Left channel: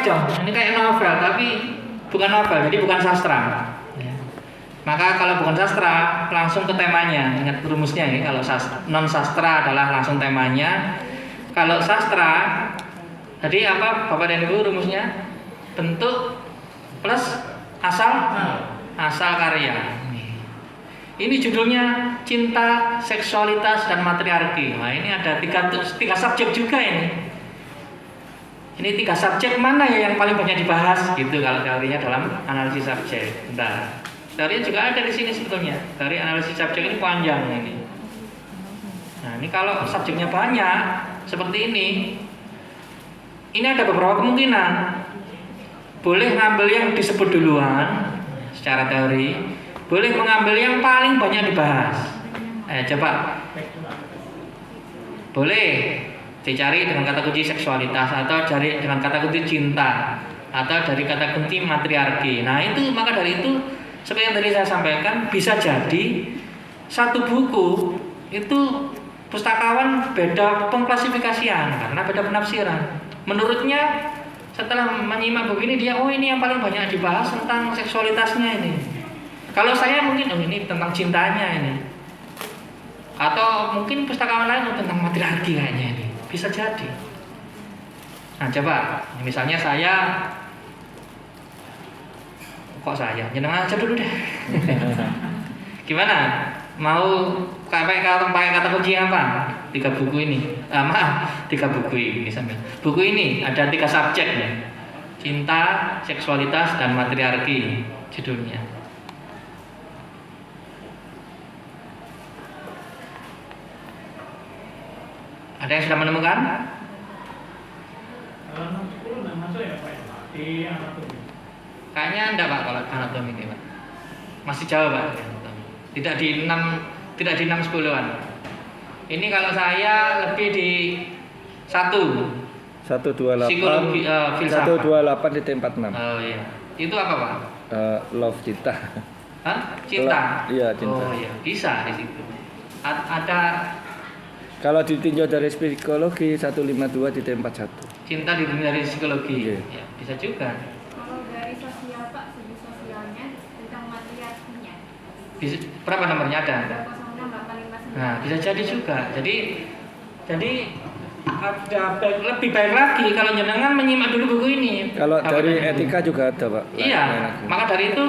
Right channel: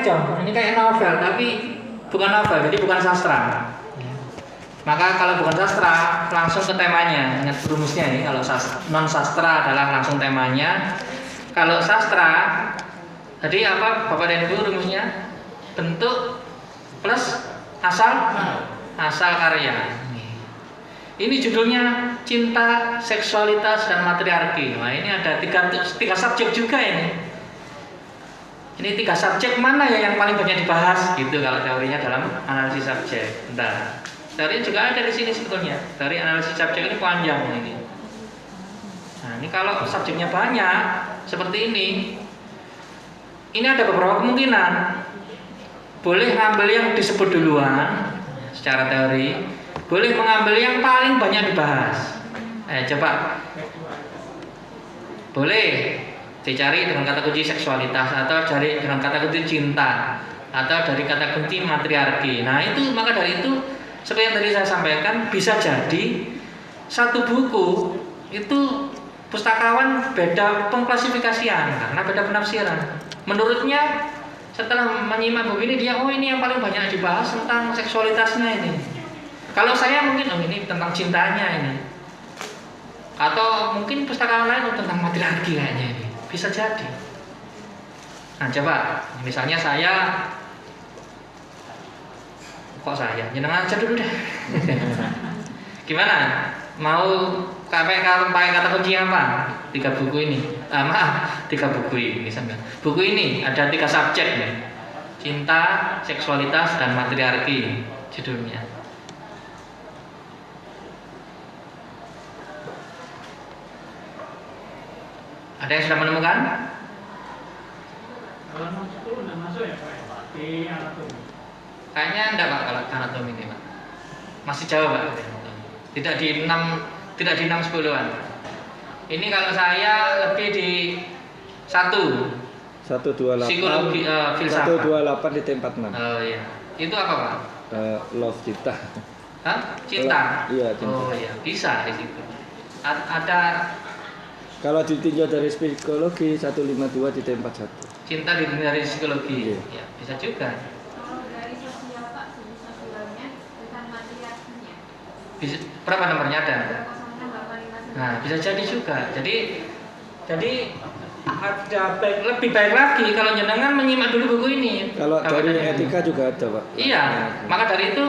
melencong. Ini kayak novel, tapi bukan novel, jadi bukan sastra. Maka kalau bukan sastra, langsung ke temanya. Ingat rumusnya ya, kalau non sastra adalah langsung temanya. Kalau sastra, tadi apa Bapak dan Ibu rumusnya? Bentuk plus asal karya. Ini judulnya Cinta, Seksualitas, dan Matriarki. Nah, ini ada tiga subjek juga ini. Ini 3 subjek mana ya yang paling banyak dibahas? Gitu kalau teorinya dalam analisis subjek. Nah, teori juga ada di sini sebetulnya. Teori analisis subjek ini panjang ini. Nah, ini kalau subjeknya banyak seperti ini ada beberapa kemungkinan. Boleh ngambil yang disebut duluan secara teori, boleh mengambil yang paling banyak dibahas. Coba. Boleh dicari dengan kata kunci seksualitas, atau cari dengan kata kunci cinta, atau dari kata kunci matriarki. Nah itu, maka dari itu seperti yang tadi saya sampaikan, bisa jadi satu buku itu pustakawan beda pengklasifikasian karena beda penafsiran. Menurutnya setelah menyimak buku ini, dia ini yang paling banyak dibahas tentang seksualitasnya ini. Kalau saya mungkin ini tentang cintanya ini, atau mungkin pustakawan lain tentang matriarki kayaknya ini. Bisa jadi. Nah coba, misalnya jenengan aja dulu deh. Gimana? Mau pakai kata kunci apa? 3 buku ini. 3 buku ini sambil. Buku ini ada 3 subjek ya. Cinta, seksualitas, dan matriarki judulnya. Ada yang sudah menemukan? Kayaknya enggak Pak kalau anatomi ini Pak. Masih jauh Pak. Tidak di 6 10-an. Ini kalau saya lebih di 128 psikologi filsafat. 128 di tempat 6. Oh iya. Itu apa Pak? Love cinta. Hah? Cinta. Iya, cinta. Oh iya, bisa di situ. Ada. Kalau ditinjau dari psikologi 152 di tempat 1. Cinta dari psikologi. Okay. Ya, bisa juga. Kalau dari sosial Pak, segi sosialnya tentang matriarkinya. Berapa nomornya ada? Nah, bisa jadi juga. Jadi ada lebih baik lagi kalau jenengan menyimak dulu buku ini. Kalau dari etika juga ada, Pak. Iya, maka dari itu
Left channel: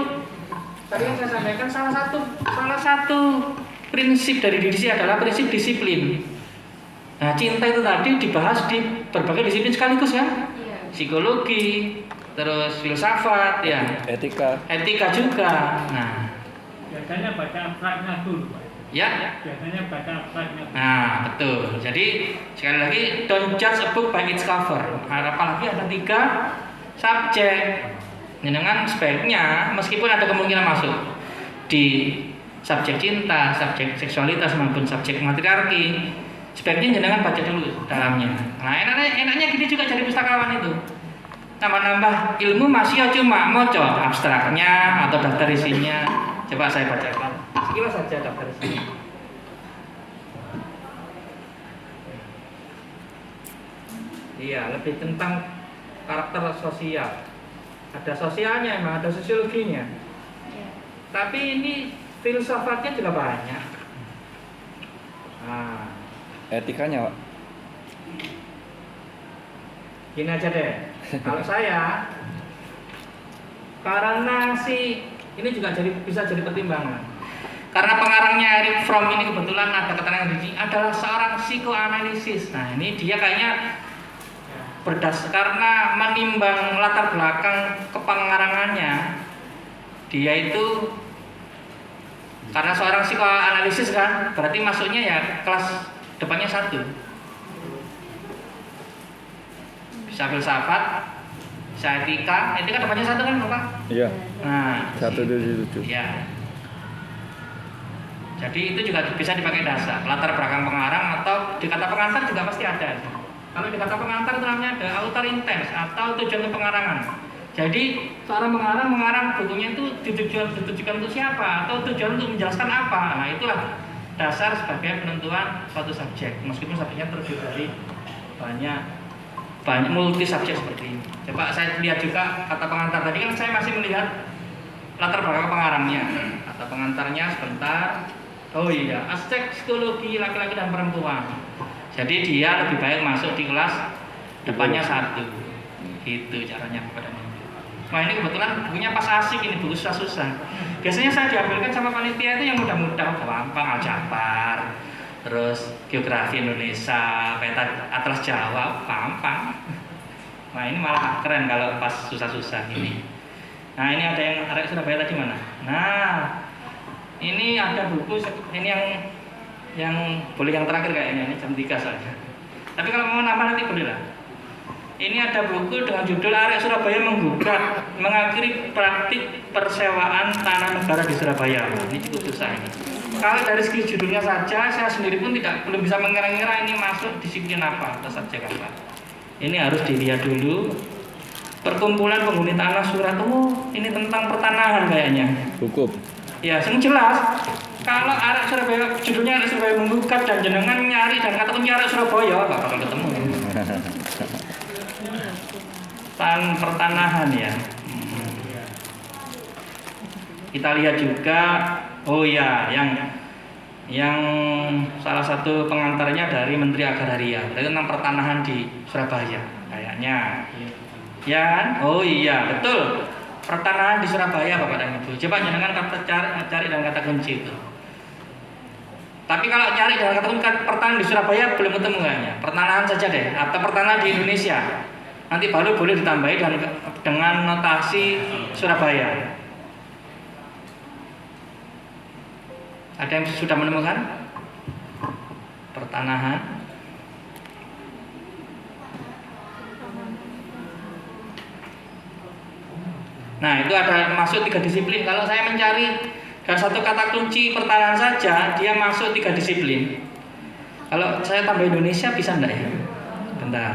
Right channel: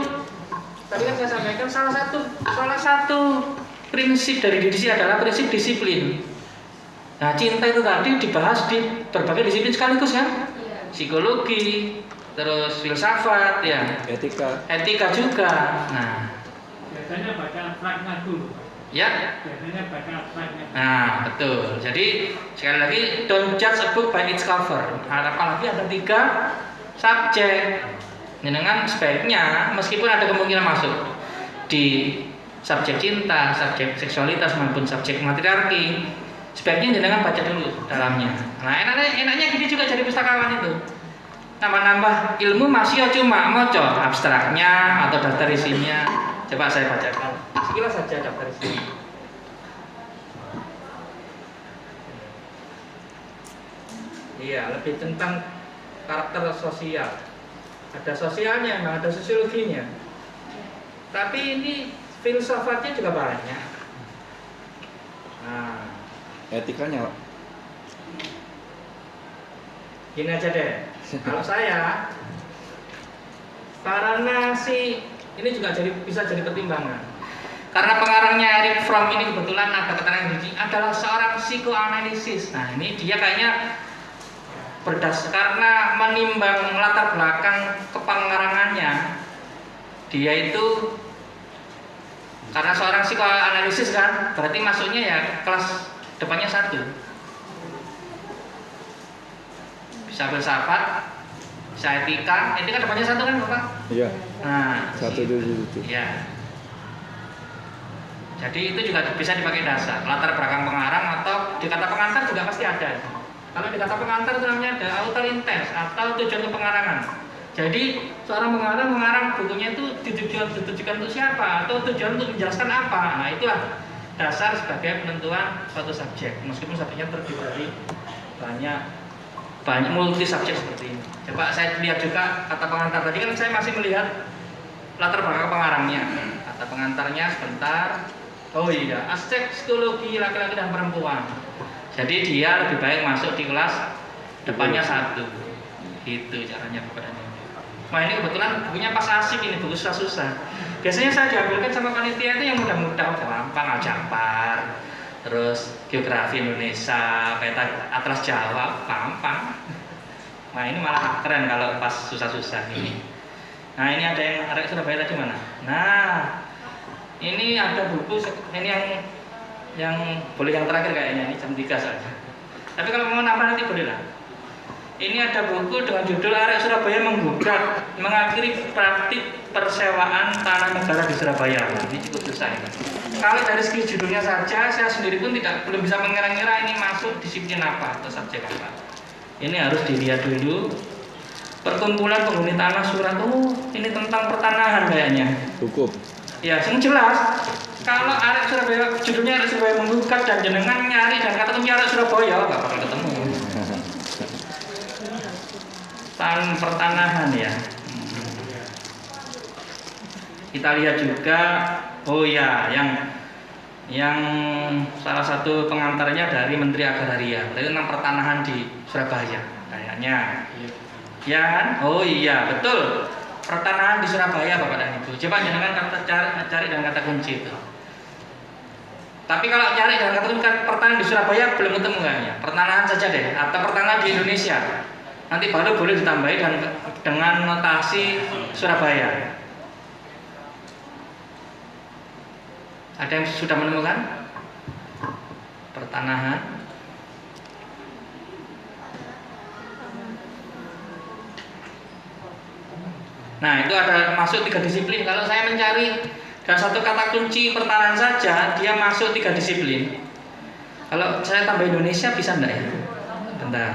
tadi kan saya sampaikan salah satu prinsip dari diri adalah prinsip disiplin. Nah, cinta itu tadi dibahas di berbagai disiplin sekaligus kan? Psikologi, terus filsafat, ya. Etika juga. Nah, biasanya baca abstraknya dulu. Ya. Biasanya baca abstraknya. Nah, betul. Jadi sekali lagi, don't judge a book by its cover. Apalagi ada 3 subjek. Dengan sebaiknya, meskipun ada kemungkinan masuk di subjek cinta, subjek seksualitas maupun subjek matriarki, sebaiknya jenengan baca dulu dalamnya. Nah, enaknya gini juga jadi pustakawan itu. Nambah-nambah ilmu masih cuma moco abstraknya atau daftar isinya. Coba saya bacakan. Sekilas saja daftar isinya. Iya, lebih tentang karakter sosial. Ada sosialnya, memang ada sosiologinya. Tapi ini filsafatnya juga banyak. Nah, etikanya, Pak. Gini aja deh. Kalau saya, karena ini juga bisa jadi pertimbangan. Karena pengarangnya Eric Fromm ini kebetulan ada keterangan ini adalah seorang psikoanalisis. Nah, ini dia kayaknya karena menimbang latar belakang kepengarangannya, dia itu karena seorang psikoanalisis kan, berarti masuknya ya kelas depannya 1. Bisa filsafat, bisa etika depannya 1 kan Bapak? Iya. Nah, 127. ya. Jadi itu juga bisa dipakai dasar latar belakang pengarang, atau di kata pengantar juga pasti ada. Kalau di kata pengantar itu namanya ada author intent atau tujuan pengarangan. Jadi seorang mengarang bukunya itu ditujukan untuk siapa, atau tujuan untuk menjelaskan apa. Nah, itulah dasar sebagai penentuan suatu subjek, meskipun subjeknya terdiri dari banyak banyak multi subjek seperti ini. Coba saya lihat juga kata pengantar tadi kan saya masih melihat latar belakang pengarangnya. Kata pengantarnya sebentar. Oh iya, aspek psikologi laki-laki dan perempuan. Jadi dia lebih baik masuk di kelas depannya 1. Itu caranya Bapak dan Ibu. Wah ini kebetulan bukunya pas asik ini, buku susah-susah. Biasanya saya diambilkan sama panitia itu yang mudah-mudah, gampang, Aljabar, terus geografi Indonesia, peta atlas Jawa, gampang. Nah ini malah keren kalau pas susah-susah ini. Nah ini ada yang arek Surabaya tadi mana? Nah ini ada buku, ini yang boleh yang terakhir kayaknya, ini jam 3 soalnya. Tapi kalau mau nambah nanti boleh lah. Ini ada buku dengan judul Arek Surabaya Menggugat Mengakhiri Praktik Persewaan Tanah Negara di Surabaya. Nah, ini cukup susah ini. Kalau dari segi judulnya saja, saya sendiri pun belum bisa mengira-ngira ini masuk disiplin apa atau subjek apa. Ini harus dilihat dulu. Perkumpulan Penghuni Tanah Surat, ini tentang pertanahan kayaknya. Hukum. Ya, yang jelas. Kalau Arek Surabaya, judulnya Arek Surabaya Menggugat dan jenengan nyari dan kata kunci Arek Surabaya, nggak bakal ketemu. Pertanahan ya. Kita lihat juga, oh ya, yang salah satu pengantarnya dari Menteri Agraria, itu tentang pertanahan di Surabaya, kayaknya. Ya kan? Oh iya, betul. Pertanahan di Surabaya, Bapak dan Ibu. Coba jangan cari dengan kata kunci itu. Tapi kalau cari dengan kata kunci pertanahan di Surabaya belum ketemu kayaknya. Pertanahan saja deh, atau pertanahan di Indonesia. Nanti baru boleh ditambahi dengan notasi Surabaya. Ada yang sudah menemukan pertanahan? Nah itu ada masuk 3 disiplin. Kalau saya mencari dan satu kata kunci pertanahan saja, dia masuk 3 disiplin. Kalau saya tambah Indonesia bisa enggak ya? Bentar.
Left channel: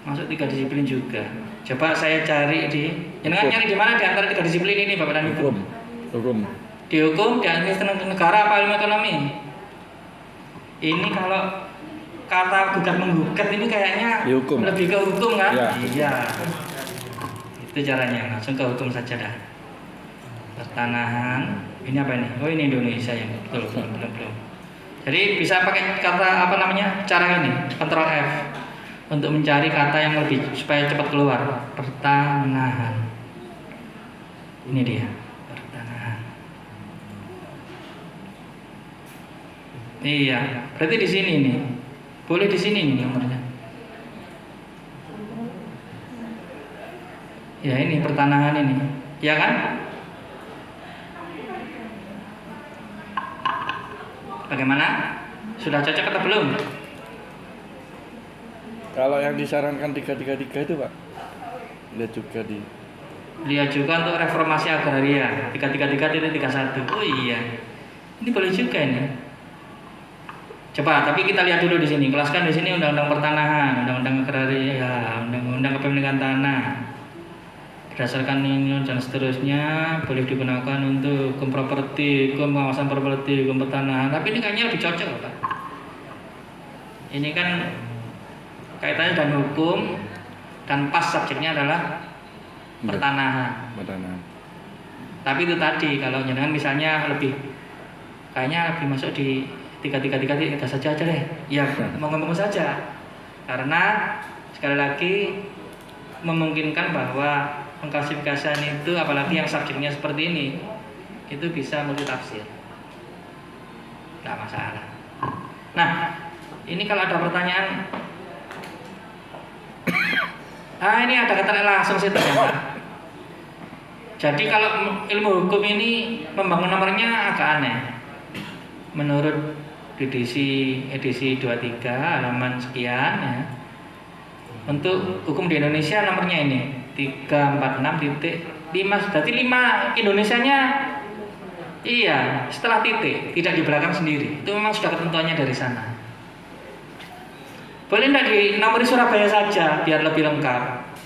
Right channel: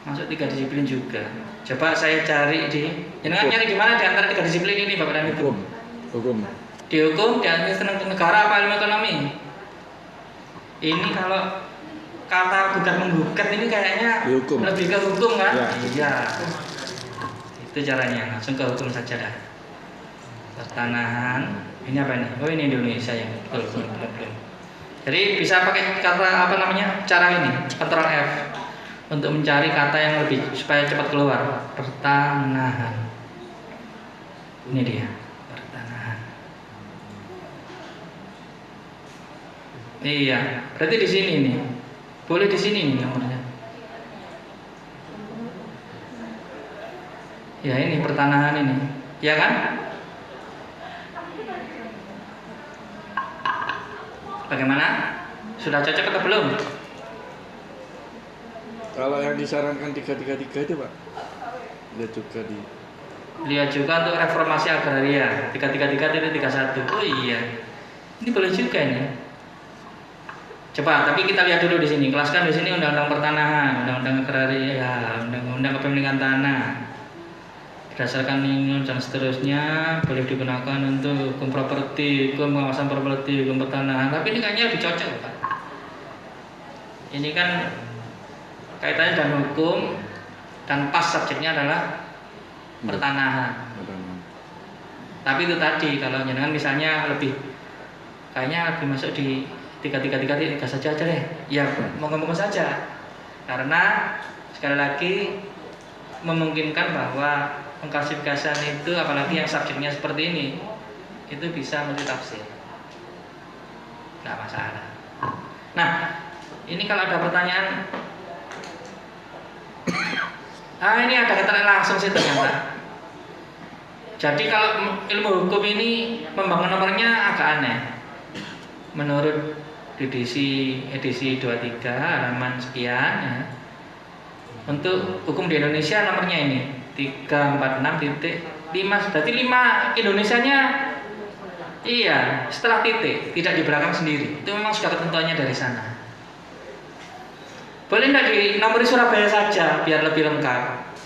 Masuk 3 disiplin juga. Coba saya cari jangan nyari di mana di antara 3 disiplin ini Bapak dan Ibu. Hukum. Di hukum, di administrasi negara apa ilmu ekonomi? Ini kalau kata gugat menggugat ini kayaknya Hukum. lebih ke hukum kan? Ya. Iya. Itu caranya, langsung ke hukum saja dah. Pertanahan. Ini apa ini? Oh ini Indonesia ya. Betul. Jadi bisa pakai kata apa namanya? Cara ini, Ctrl F. Untuk mencari kata yang lebih supaya cepat keluar. Pertanahan. Ini dia, pertanahan. Iya, berarti di sini nih. Boleh di sini nih nomornya. Ya ini pertanahan ini. Ya kan? Bagaimana? Sudah cocok atau belum? Kalau yang disarankan 333 itu Pak, lihat juga di. Lihat juga untuk reformasi agraria 333.31. Oh iya, ini boleh juga ini. Coba, tapi kita lihat dulu di sini. Kelaskan di sini undang-undang pertanahan, undang-undang agraria, undang-undang kepemilikan tanah. Berdasarkan ini dan seterusnya boleh digunakan untuk hukum properti, hukum pengawasan properti, hukum pertanahan. Tapi ini kayaknya lebih cocok, Pak. Ini kan kaitannya dengan hukum dan pas subjeknya adalah pertanahan. Tapi itu tadi kalau jangan misalnya lebih kayaknya lebih masuk di 333 saja deh. Ya ngomong-ngomong saja. Karena sekali lagi memungkinkan bahwa pengklasifikasian itu apalagi yang subjeknya seperti ini itu bisa multitafsir. Tidak masalah. Nah, ini kalau ada pertanyaan ini ada kaitan langsung sih ternyata. Jadi kalau ilmu hukum ini membangun nomornya agak aneh. Menurut edisi 23 halaman sekian ya. Untuk hukum di Indonesia nomornya ini 346.5. Berarti 5 Indonesianya iya, setelah titik, tidak di belakang sendiri. Itu memang sudah ketentuannya dari sana. Boleh enggak di nomor Surabaya saja biar lebih lengkap?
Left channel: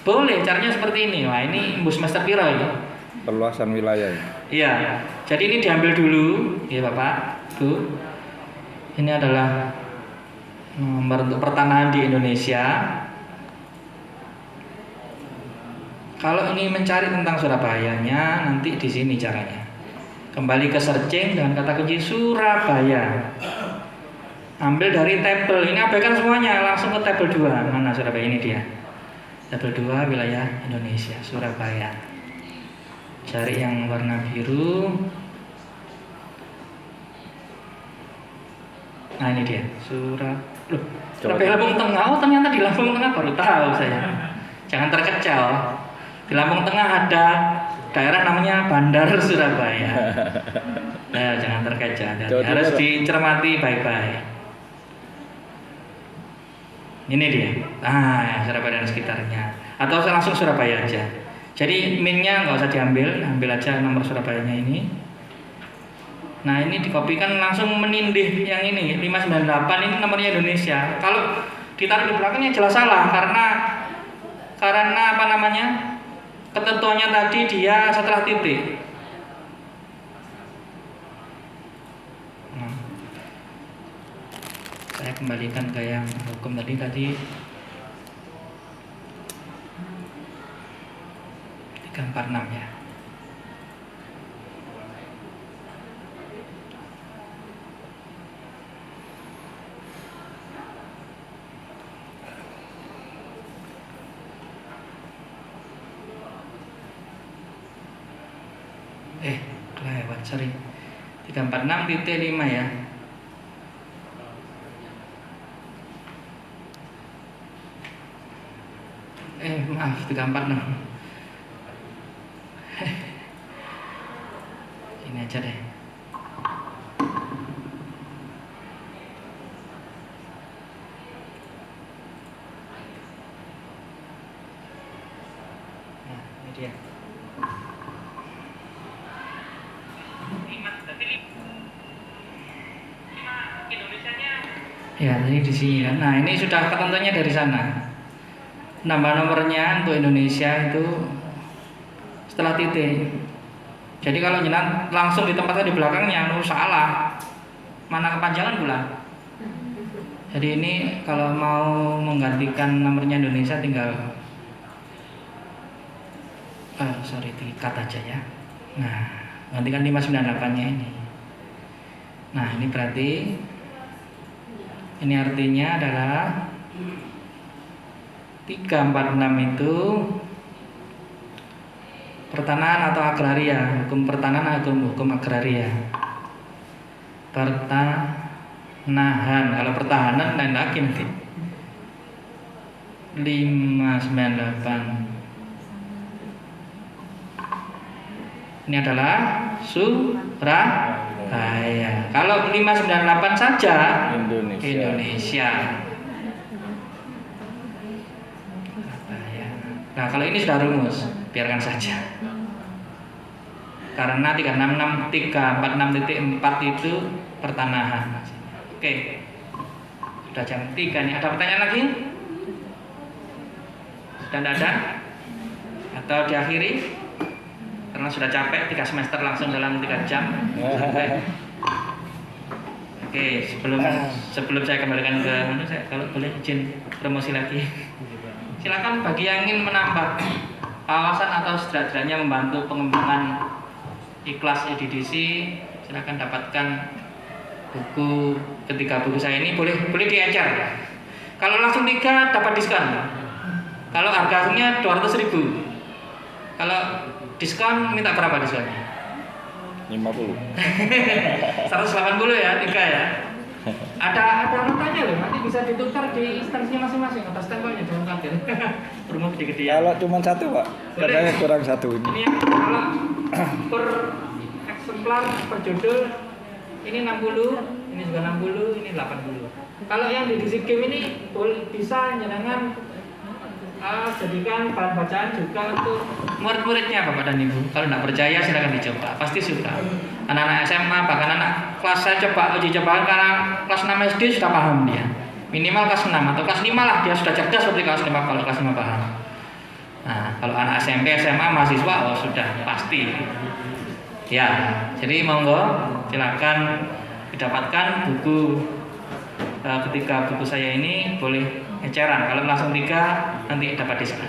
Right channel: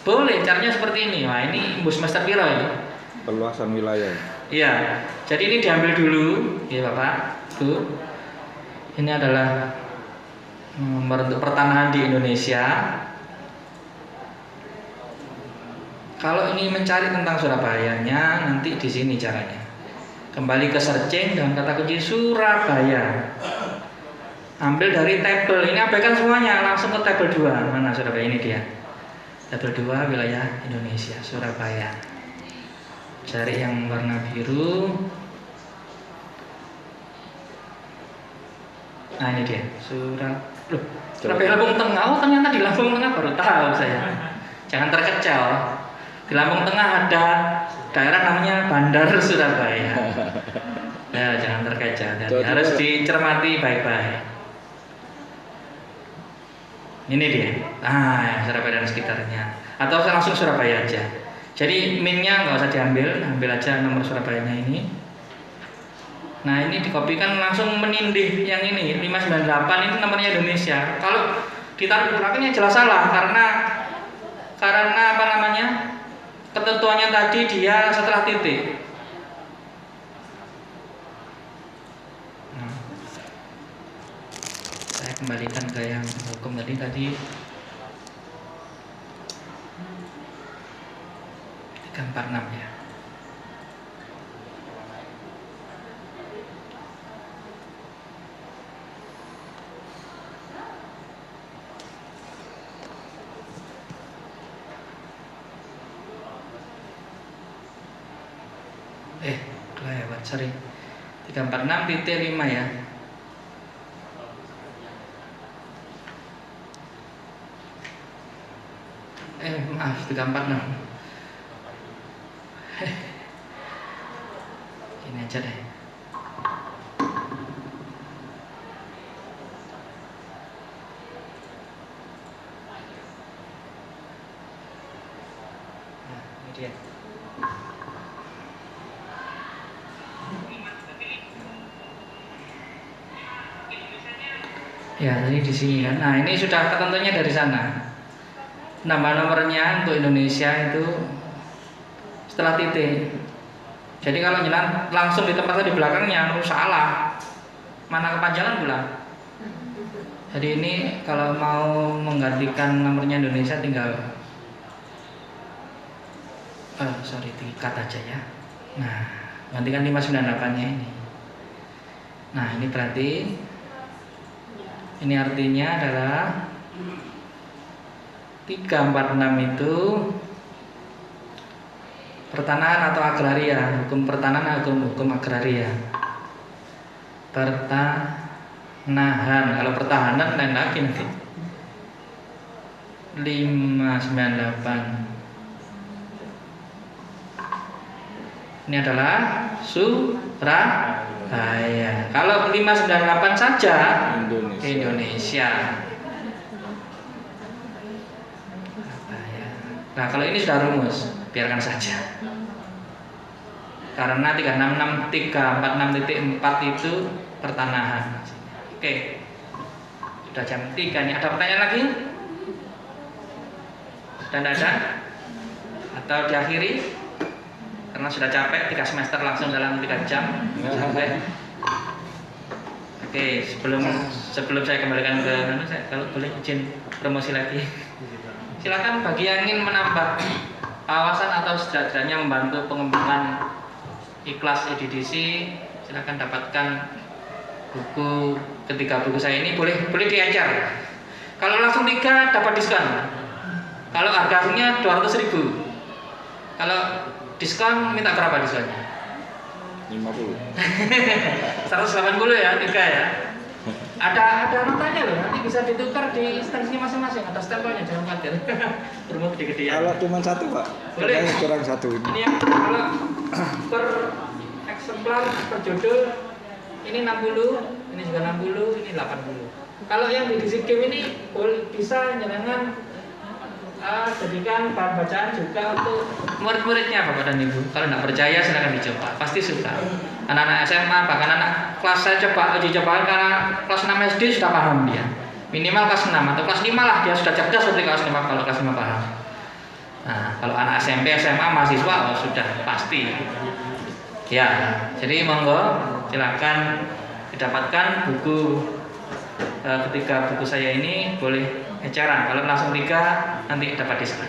Boleh, caranya seperti ini. Wah, ini Ibu semester piro ini? Perluasan wilayah. Iya. Jadi ini diambil dulu, ya Bapak, Bu. Ini adalah nomor untuk pertanahan di Indonesia. Kalau ini mencari tentang Surabayanya, nanti di sini caranya. Kembali ke searching dengan kata kunci Surabaya. Ambil dari tabel, ini abaikan semuanya, langsung ke tabel 2. Mana Surabaya, ini dia. Tabel 2 wilayah Indonesia, Surabaya. Cari yang warna biru. Nah ini dia, Surabaya Lampung Tengah. Oh ternyata di Lampung Tengah baru tahu saya. Jangan terkecoh. Di Lampung Tengah ada daerah namanya Bandar Surabaya. Nah jangan terkecoh, harus dicermati baik-baik. Ini dia. Nah Surabaya dan sekitarnya. Atau langsung Surabaya aja. Jadi min-nya nggak usah diambil, ambil aja nomor Surabayanya ini. Nah ini dikopikan langsung menindih yang ini 598 ini nomornya Indonesia. Kalau ditaruh di belakangnya jelas salah karena apa namanya, ketentuannya tadi dia setelah titik. Nah, saya kembalikan ke yang hukum tadi 346 ya. Kelewat, sorry. 346.5 ya. Maaf, 346. Ini aja deh. Nah, ini dia. Ya, tadi di sini kan. Nah, ini sudah ketentuannya dari sana. Nambah nomornya untuk Indonesia itu setelah titik. Jadi kalau jalan langsung di tempatnya di belakangnya, salah. Mana kepanjangan pula. Jadi ini kalau mau menggantikan nomornya Indonesia tinggal dikat aja ya. Nah, gantikan 598-nya ini. Nah, ini berarti ini artinya adalah 346 itu pertanahan atau agraria, hukum pertanahan atau hukum agraria. Pertanahan, kalau pertahanan lain lagi nanti. 598. Ini adalah Surabaya. Kalau 598 saja Indonesia. Nah, kalau ini sudah rumus, biarkan saja. Karena 346.4 itu pertanahan. Oke. Sudah jam 3 nih. Ada pertanyaan lagi? Dan ada? Atau diakhiri? Karena sudah capek 3 semester langsung dalam 3 jam. Sampai. Oke, sebelum saya kembalikan ke saya kalau boleh izin promosi lagi. Silakan bagi yang ingin menambah wawasan atau setidaknya membantu pengembangan Ikhlas edisi, silakan dapatkan buku ketiga buku saya ini, boleh diecer. Kalau langsung 3 dapat diskon. Kalau harganya 200.000. Kalau diskon minta berapa diskonnya? 50. 180 ya, 3 ya. Ada notanya loh, nanti bisa ditukar di instansinya masing-masing, ada stempelnya, jangan khawatir. Promo gede-gede ya. Kalau cuma 1 Pak, katanya kurang 1 ini. Ini yang kalau per eksemplar per judul ini 60, ini juga 60, ini 80. Kalau yang di edisi game ini bisa jangan jadikan bahan bacaan juga untuk murid-muridnya Bapak dan Ibu. Kalau tidak percaya silakan dicoba, pasti suka. Anak-anak SMA bahkan anak kelas saya dicobakan karena kelas 6 SD sudah paham dia. Minimal kelas 6 atau kelas 5 lah dia sudah cerdas seperti kelas 5 kalau kelas 5 paham. Nah, kalau anak SMP, SMA, mahasiswa sudah pasti. Ya, jadi monggo silakan didapatkan buku ketika buku saya ini boleh eceran. Kalau langsung 3 nanti dapat diskon.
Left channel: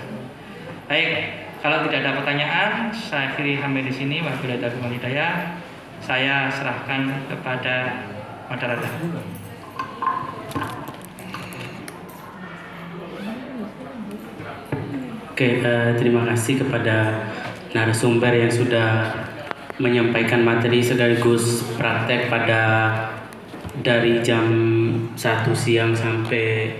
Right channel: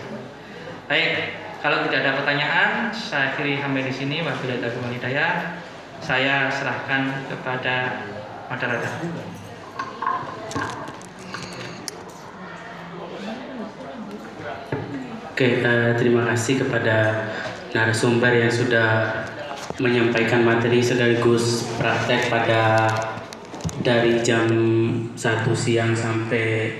Baik, kalau tidak ada pertanyaan, saya akhiri sampai di sini. Wabillahi taufiq wal hidayah. Saya serahkan kepada moderator. Oke, terima kasih kepada narasumber yang sudah menyampaikan materi sekaligus praktek pada dari jam 1 siang sampai